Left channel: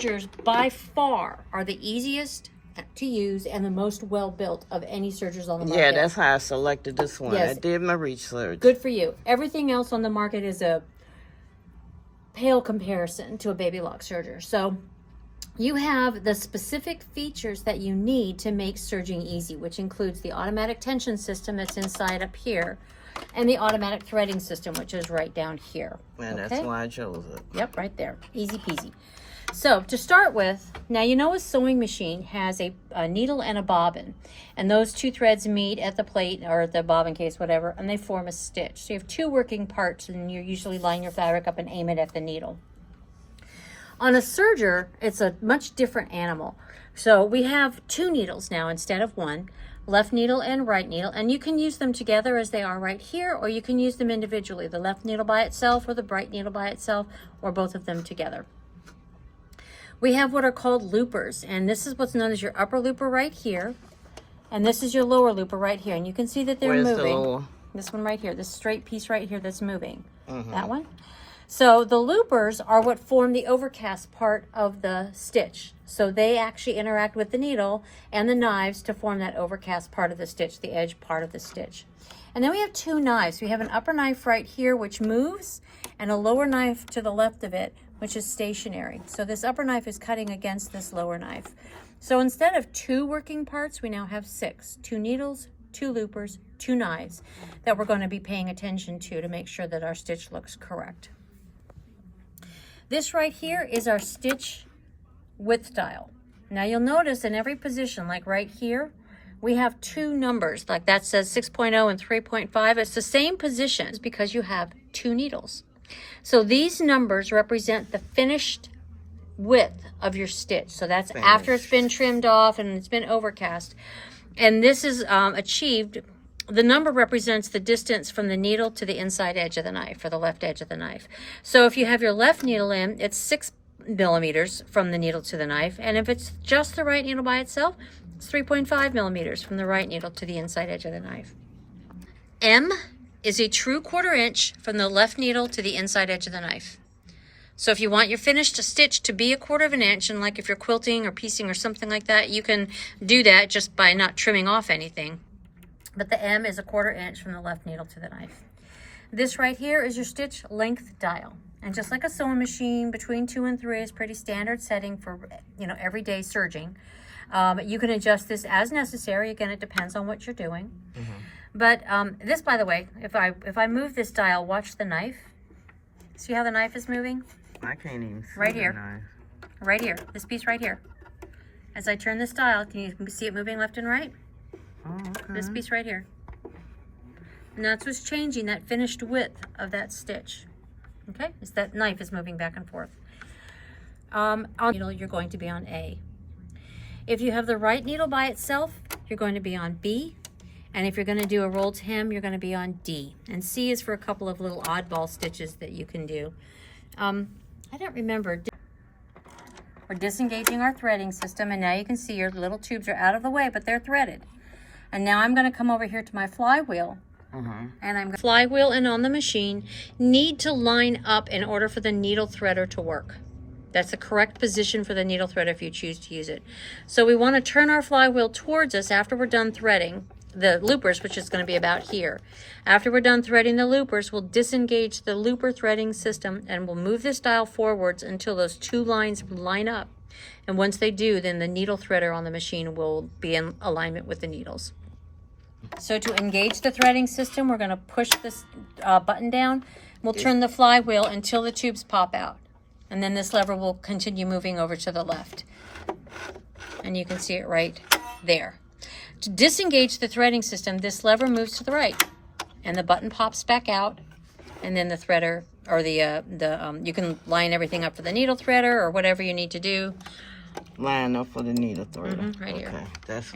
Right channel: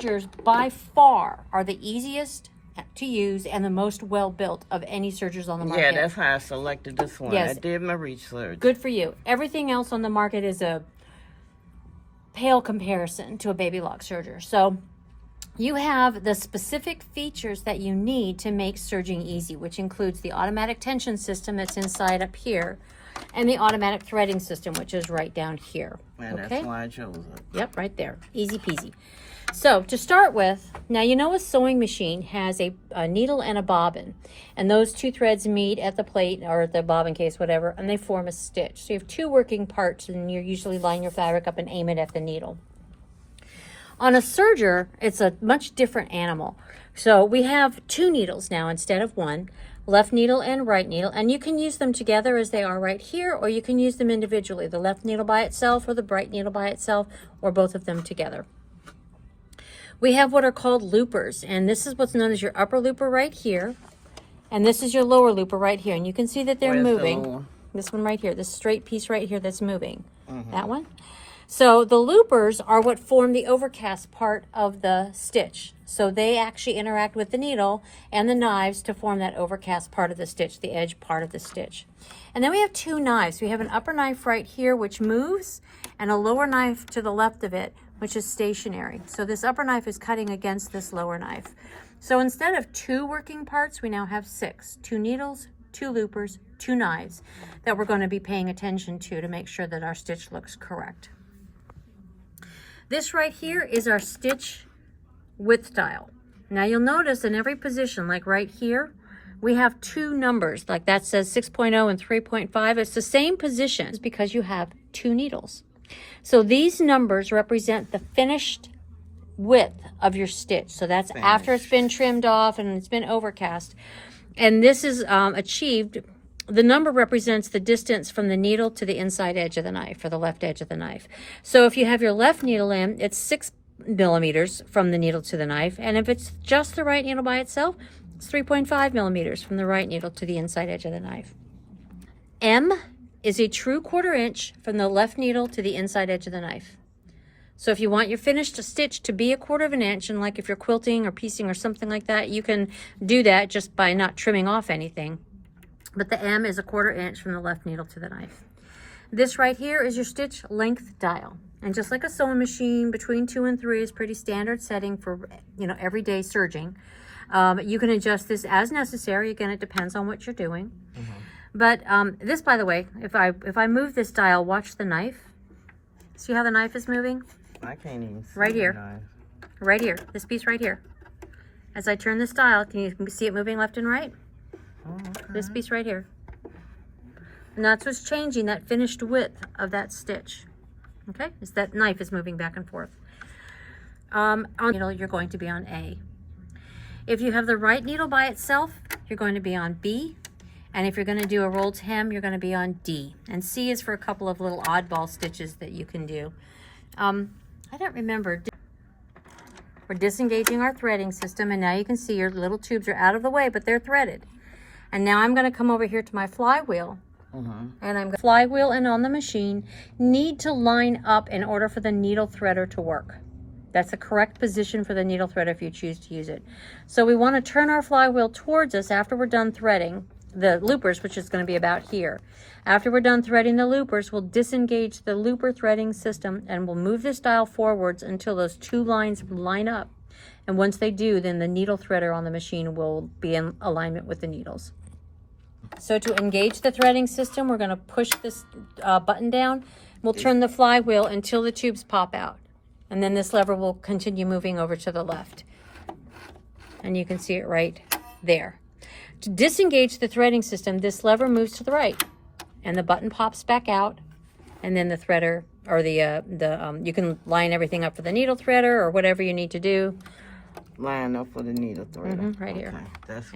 sergers by far are the easiest to use and the most well built of any sergers on the market. Yeah, that's how I selected this one. Yes. I did my research. Good for you. Everything else on the market is a pale comparison to a babylockserger. So you have the specific features that you need to make serging easy, which includes the automatic tension system that's inside up here and the automatic threading system, which is right down here. And that's why I chose it. Yep, right there. Easy peasy. So to start with, now you know a sewing machine has a needle and a bobbin, and those two threads meet at the plate or at the bobbin case, whatever, and they form a stitch. So you have two working parts, and you're usually line your fabric up and aim it at the needle. On a serger, it's a much different animal. So we have two needles now instead of one, left needle and right needle, and you can use them together as they are right here, or you can use them individually, the left needle by itself or the right needle by itself, or both of them together. We have what are called loopers, and this is what's known as your upper looper right here, and this is your lower looper right here, and you can see that they're moving. This one right here, this straight piece right here that's moving. That one. So the loopers are what form the overcast part of the stitch. So they actually interact with the needle and the knives to form that overcast part of the stitch, the edge part of the stitch. And then we have two knives. We have an upper knife right here, which moves, and a lower knife to the left of it, which is stationary. So this upper knife is cutting against this lower knife. So instead of two working parts, we now have 6. 2 needles, 2 loopers, 2 knives that we're going to be paying attention to make sure that our stitch looks correct. This right here is our stitch width dial. Now you'll notice in every position, like right here, we have 2 numbers, like that says 6.0 and 3.5. It's the same position because you have 2 needles. So these numbers represent the finished width of your stitch. So that's after it's been trimmed off and it's been overcast. And this is achieved. The number represents the distance from the needle to the inside edge of the knife, or the left edge of the knife. So if you have your left needle in, it's 6 millimeters from the needle to the knife. And if it's just the right needle by itself, it's 3.5 millimeters from the right needle to the inside edge of the knife. M is a true 1/4 inch from the left needle to the inside edge of the knife. So if you want your finished stitch to be 1/4 inch, and like if you're quilting or piecing or something like that, you can do that just by not trimming off anything. But the M is 1/4 inch from the left needle to the knife. This right here is your stitch length dial. And just like a sewing machine, between 2 and 3 is pretty standard setting for, everyday serging. You can adjust this as necessary. Again, it depends on what you're doing. But this, by the way, if I move this dial, watch the knife. See how the knife is moving? I can't even see right here. the knife. Right here. This piece right here. As I turn this dial, can you see it moving left and right? Oh, okay. This piece right here. And that's what's changing that finished width of that stitch. Okay? Is that knife is moving back and forth. On needle, you're going to be on A. If you have the right needle by itself, you're going to be on B. And if you're going to do a rolled hem, you're going to be on D. And C is for a couple of little oddball stitches that you can do. I don't remember. We're disengaging our threading system, and now you can see your little tubes are out of the way, but they're threaded. And now I'm going to come over here to my flywheel. And I'm going to flywheel and on the machine need to line up in order for the needle threader to work. That's the correct position for the needle threader if you choose to use it. So we want to turn our flywheel towards us after we're done threading the loopers, which is going to be about here. After we're done threading the loopers, we'll disengage the looper threading system and we'll move this dial forwards until those 2 lines line up. And once they do, then the needle threader on the machine will be in alignment with the needles. So to engage the threading system, we're going to push this button down. We'll turn the flywheel until the tubes pop out. And then this lever will continue moving over to the left. And you can see it right there. To disengage the threading system, this lever moves to the right. And the button pops back out. And then the threader, or you can line everything up for the needle threader or whatever you need to do. Line up for the needle threader. Right here. Okay, that's